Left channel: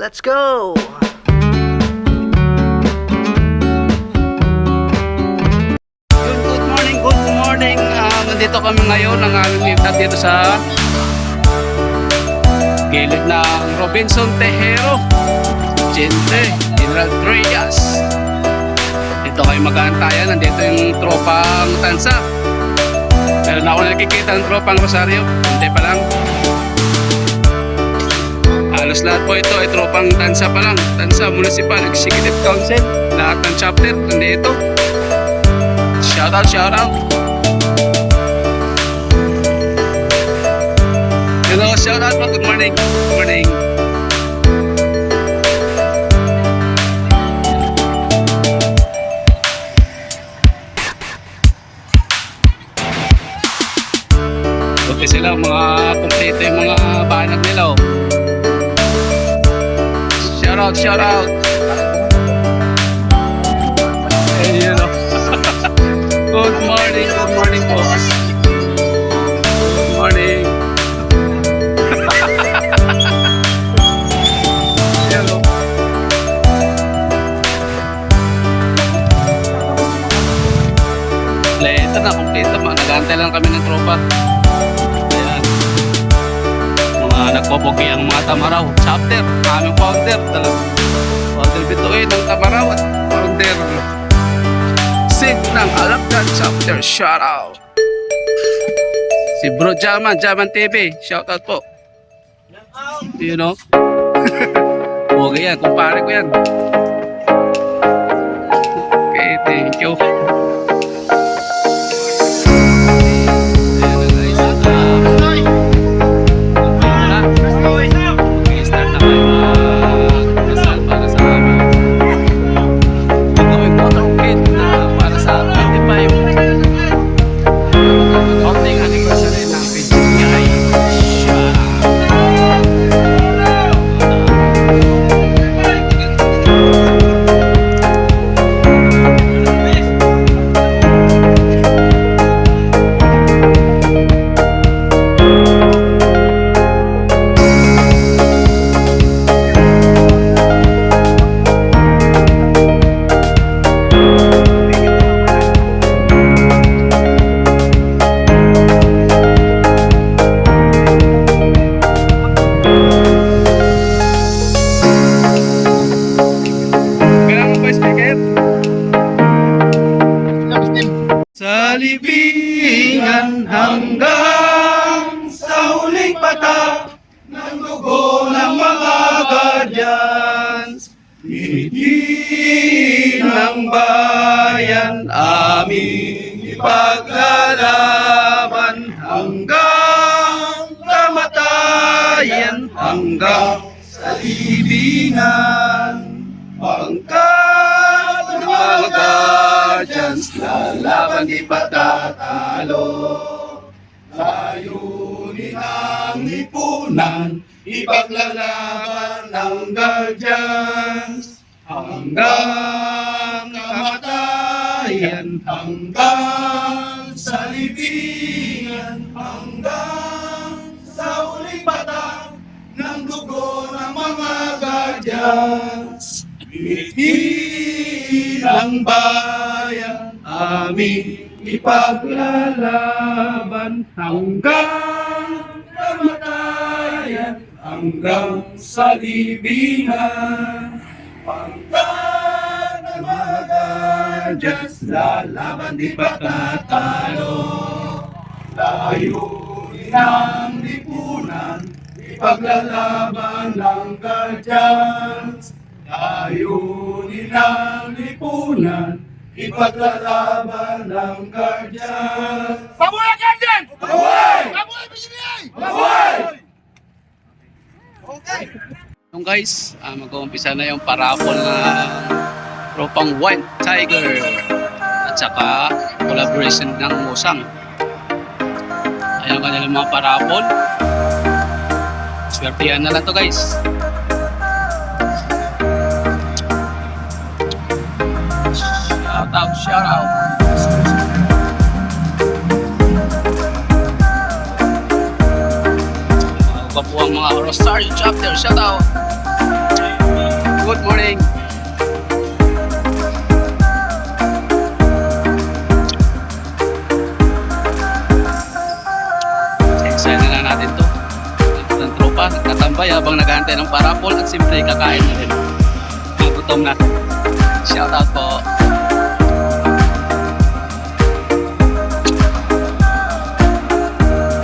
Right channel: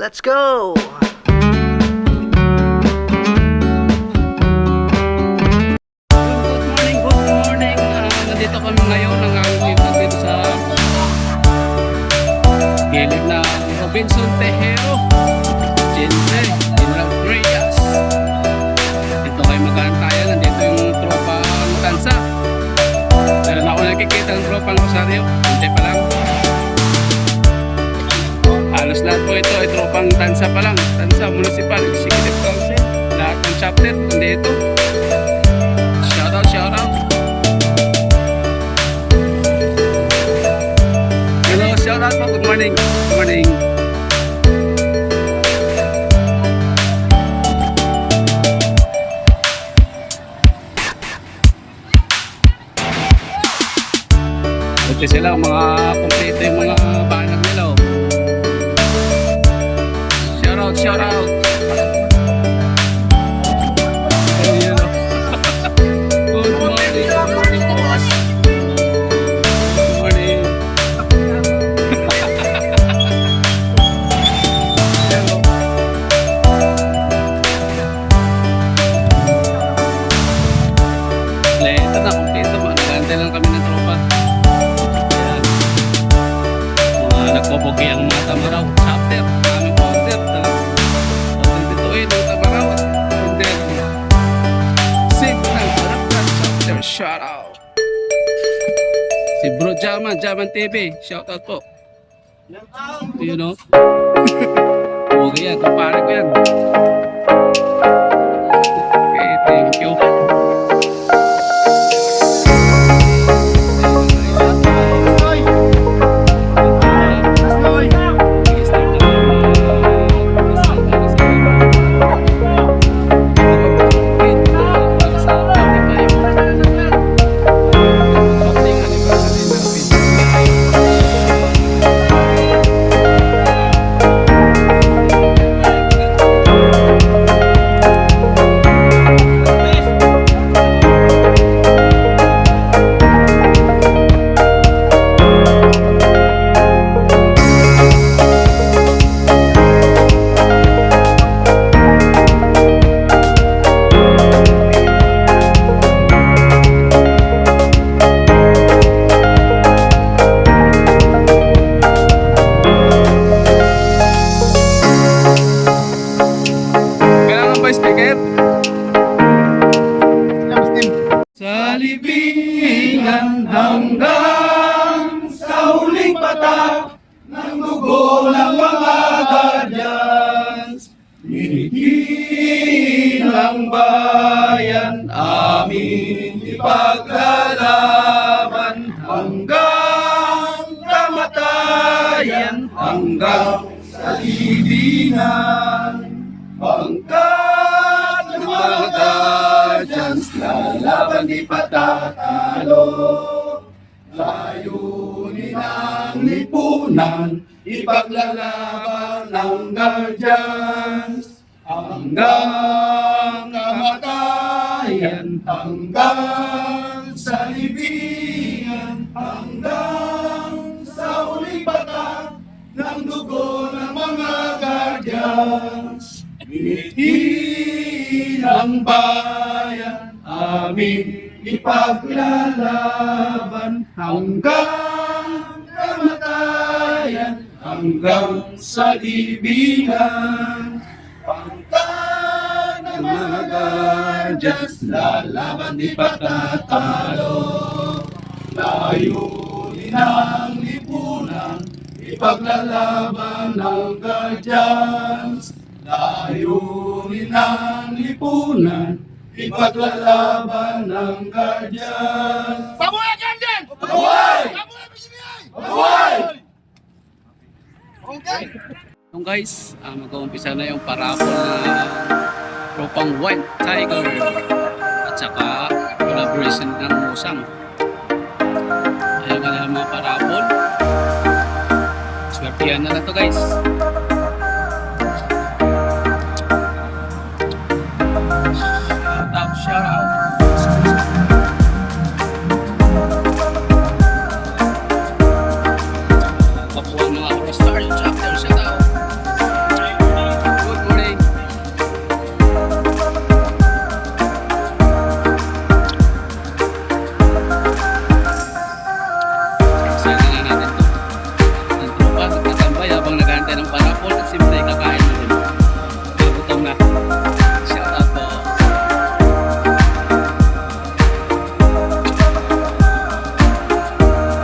Let's go! Good morning. Nandito kami ngayon ng aming liftad dito sa gilid ng Robinson Tejero, Gente, General Trias. Dito kayo mag-aantayan. Nandito yung tropang tansa. Meron ako nakikita ng tropang Rosario. Hindi pa lang. Halos lahat po ito ay tropang tansa pa lang. Tansa Municipal Executive Council. Lahat ng chapter nandito. Shout out, shout out. Hello, shout out po. Good morning. Good morning. Okay sila, mga kompleto yung mga banner nila. Oh. Shout out, shout out. Ayun, oh. Good morning po. Good morning. Hello. Kompleto na, kompleto. Nag-aantay lang kami ng tropa. Ayan. Mga nagpopogi ang mga Tamaraw. Chapter, aming founder. Founder bituin ng Tamaraw at founder Sig ng Alapcan Chapter. Shout out. Si Bro Jaman TV. Shout out po. You know? Okay yan. Kumpare ko yan. Okay, thank you. Sa libingan hanggang sa huling patak ng dugo ng mga guardians, ngiti ng bayan aming ipaglalaban hanggang kamatayan, hanggang sa libingan. Pangkat ng mga guardians, lalaban di patatalo. Layunin ang lipunan, ipaglalaban ng guardians hanggang kamatayan, hanggang sa libingan, hanggang sa huling patak ng dugo ng mga guardians. Ngiti ng bayan aming ipaglalaban hanggang kamatayan, hanggang sa libingan. Pangkat ng mga guardians, lalaban di patatalo. Layunin ang lipunan, ipaglalaban ng guardians. Layunin ang lipunan, ipaglalaban ng guardians. Pabuhay Guardian! Pabuhay! Pabuhay PCBA! Pabuhay! Okay. Yung guys, mag-uumpisa na yung parapol na tropang White Tiger at saka collaboration ng Musang. Ayun kanilang mga parapol. Swertihan na lang to guys. Shout out. Kapuang mga Rosario chapter, shout out. good morning. Excited na natin to. Ang tropa, nagtatambay habang naghahantay ng parapol at siyempre kakain na rin. Nagutom na. Shout out po.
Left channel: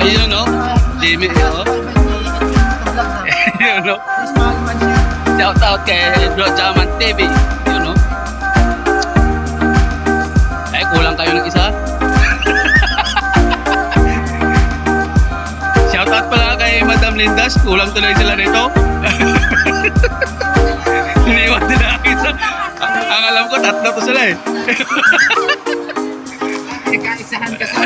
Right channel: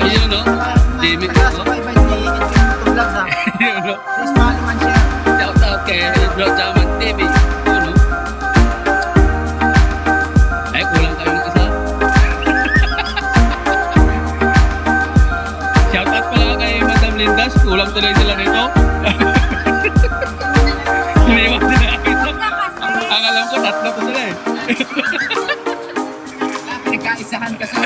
Ayun no, Jimmy, oh. Ayun no. Shout out kay Bro Jaman TV. Ayun no. Ay, kulang kayo ng isa. Shout out pala kay Madam Lindas. Kulang tuloy sila nito. Iniwan din na isa. Ang alam ko, tatlo to sila eh. Ikaisahan ka sa